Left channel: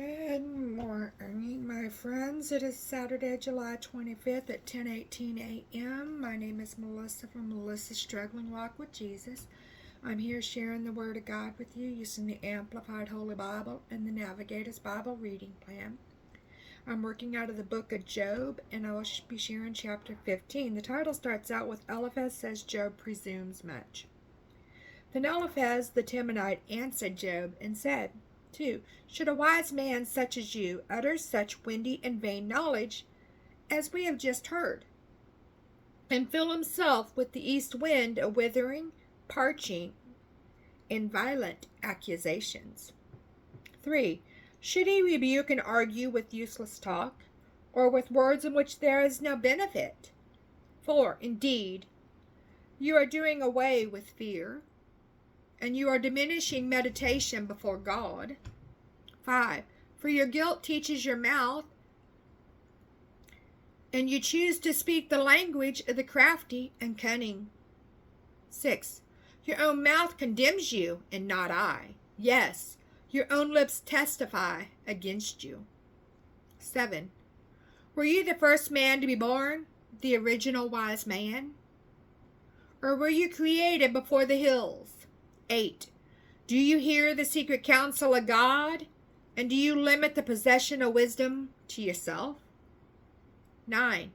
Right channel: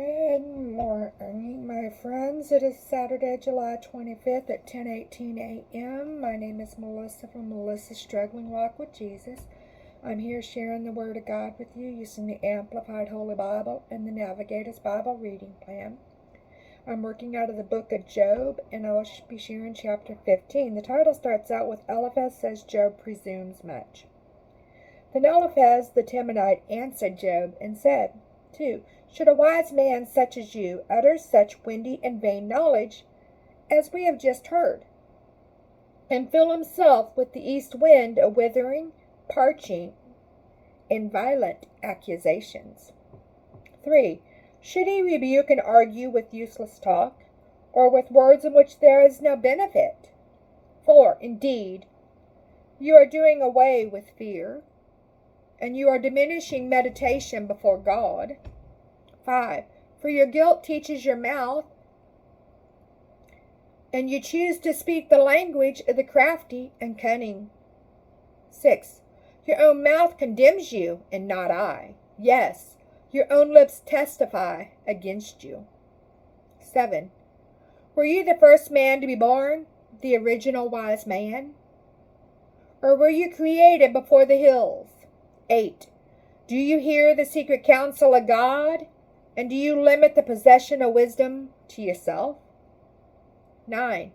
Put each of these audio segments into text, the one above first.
Good morning, my friends. It is Saturday, July 25th at 10:18 a.m. My name is Melissa from Melissa's Struggling Walk with Jesus. I'm here sharing the Word of God with you using the Amplified Holy Bible and the Navigator's Bible reading plan. I'm working out of the book of Job, and I will be sharing chapter 15. The title starts out with Eliphaz says Job presumes much. Then Eliphaz the Temanite answered Job and said, 2. Should a wise man such as you utter such windy and vain knowledge as we have just heard, and fill himself with the east wind a withering, parching, and violent accusations? 3. Should he rebuke and argue with useless talk, or with words in which there is no benefit? 4. Indeed, you are doing away with fear, and you are diminishing meditation before God. 5. For your guilt teaches your mouth, and you choose to speak the language of the crafty and cunning. 6. Your own mouth condemns you, and not I. Yes, your own lips testify against you. 7. Were you the first man to be born, the original wise man? Or were you created before the hills? 8. Do you hear the secret counsel of God? And do you limit the possession of wisdom to yourself? 9.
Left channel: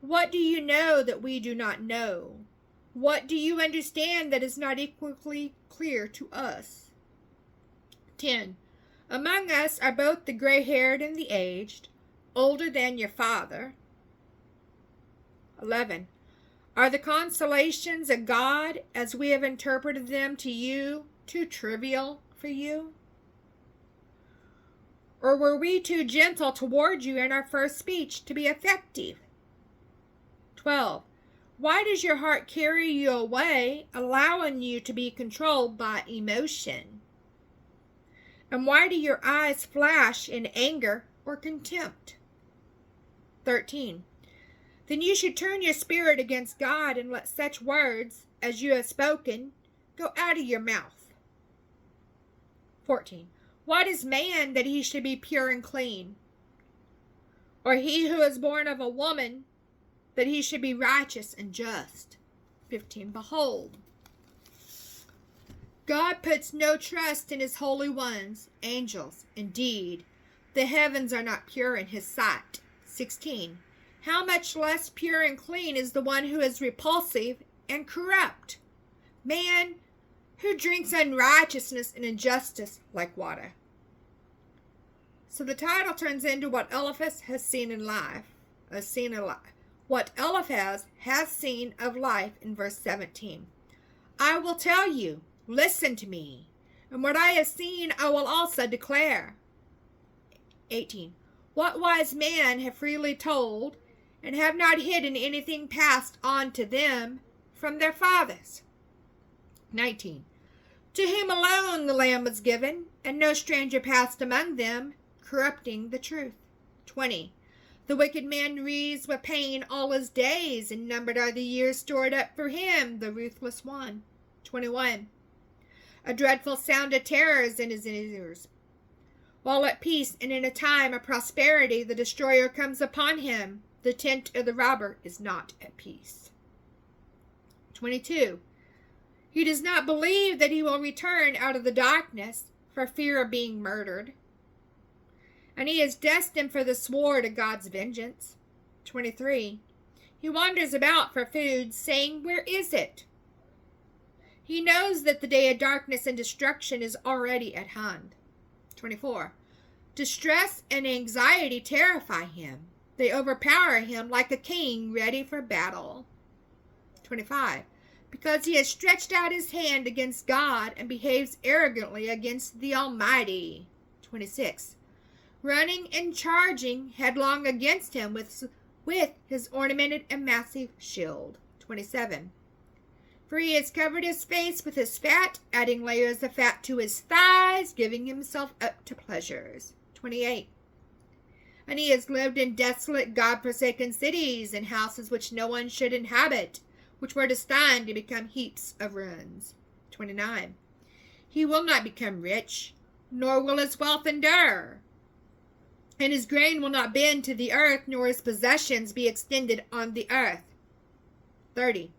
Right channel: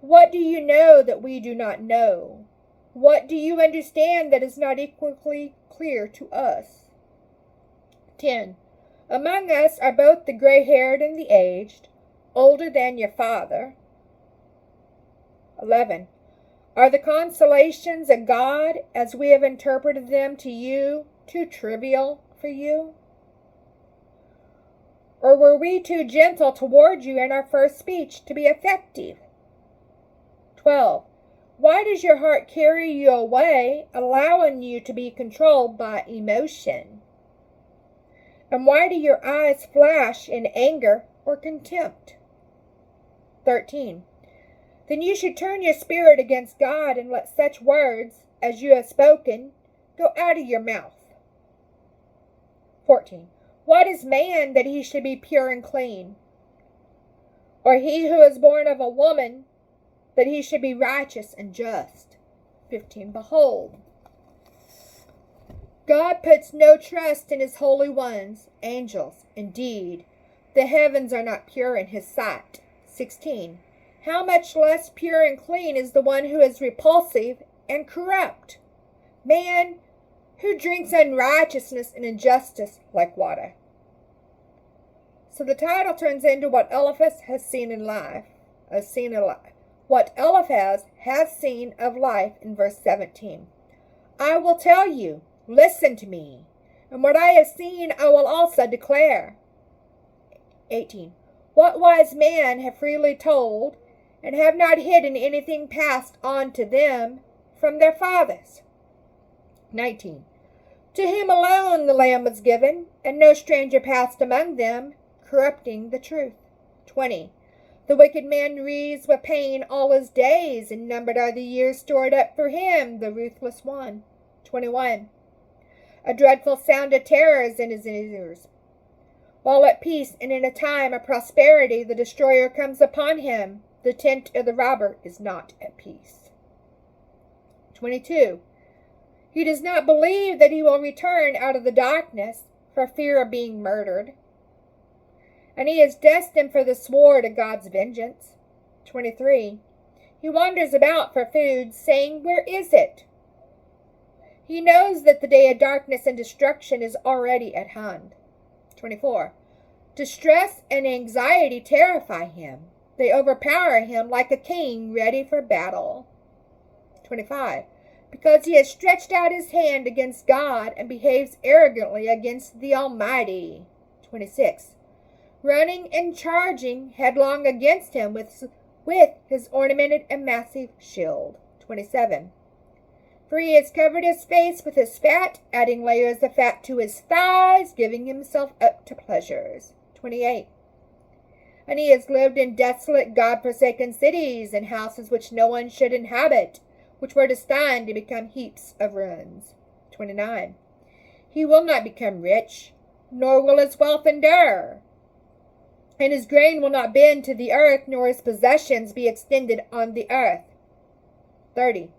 What do you know that we do not know? What do you understand that is not equally clear to us? 10. Among us are both the gray-haired and the aged, older than your father. 11. Are the consolations of God, as we have interpreted them to you, too trivial for you? Or were we too gentle toward you in our first speech to be effective? 12. Why does your heart carry you away, allowing you to be controlled by emotion? And why do your eyes flash in anger or contempt? 13. Then you should turn your spirit against God and let such words as you have spoken go out of your mouth. 14. What is man that he should be pure and clean? Or he who is born of a woman that he should be righteous and just? 15. Behold, God puts no trust in his holy ones, angels. Indeed, the heavens are not pure in his sight. 16. How much less pure and clean is the one who is repulsive and corrupt? Man who drinks unrighteousness and injustice like water. So the title turns into what Eliphaz has seen in life. What Eliphaz has seen of life in verse 17. I will tell you, listen to me, and what I have seen I will also declare. 18. What wise men have freely told, and have not hidden anything passed on to them from their fathers. 19. To him alone the Lamb was given, and no stranger passed among them, corrupting the truth. 20. The wicked man wreathes with pain all his days, and numbered are the years stored up for him, the ruthless one. 21. A dreadful sound of terror is in his ears. While at peace and in a time of prosperity, the destroyer comes upon him. The tent of the robber is not at peace. 22. He does not believe that he will return out of the darkness for fear of being murdered, and he is destined for the sword of God's vengeance. 23. He wanders about for food, saying, where is it? He knows that the day of darkness and destruction is already at hand. 24. Distress and anxiety terrify him. They overpower him like a king ready for battle. 25. Because he has stretched out his hand against God and behaves arrogantly against the Almighty. 26. Running and charging headlong against him with his ornamented and massive shield. 27. For he has covered his face with his fat, adding layers of fat to his thighs, giving himself up to pleasures. 28. And he has lived in desolate, God-forsaken cities, and houses which no one should inhabit, which were destined to become heaps of ruins. 29. He will not become rich, nor will his wealth endure. And his grain will not bend to the earth, nor his possessions be extended on the earth. 30.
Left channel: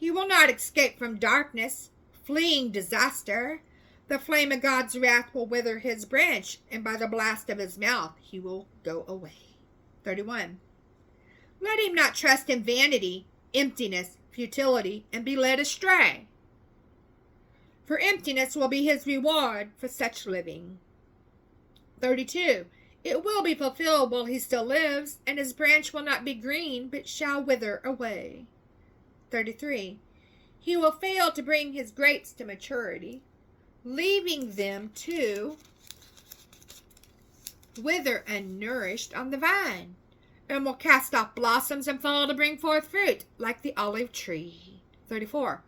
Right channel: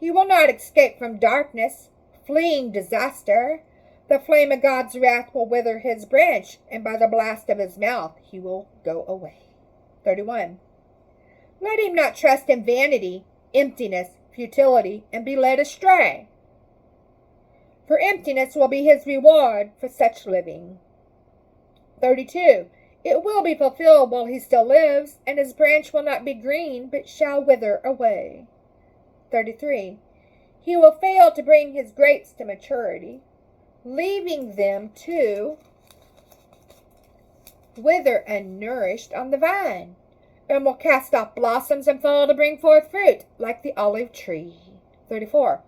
He will not escape from darkness, fleeing disaster. The flame of God's wrath will wither his branch, and by the blast of his mouth he will go away. 31. Let him not trust in vanity, emptiness, futility, and be led astray. For emptiness will be his reward for such living. 32. It will be fulfilled while he still lives, and his branch will not be green, but shall wither away. 33. He will fail to bring his grapes to maturity, leaving them to wither unnourished on the vine, and will cast off blossoms and fail to bring forth fruit, like the olive tree. 34.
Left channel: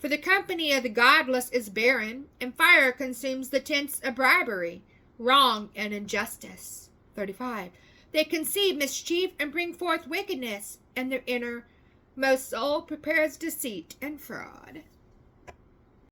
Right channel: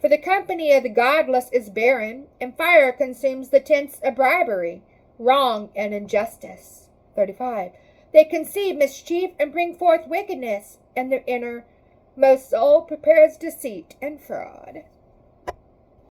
For the company of the godless is barren, and fire consumes the tents of bribery, wrong and injustice. 35. They conceive mischief and bring forth wickedness, and their innermost soul prepares deceit and fraud.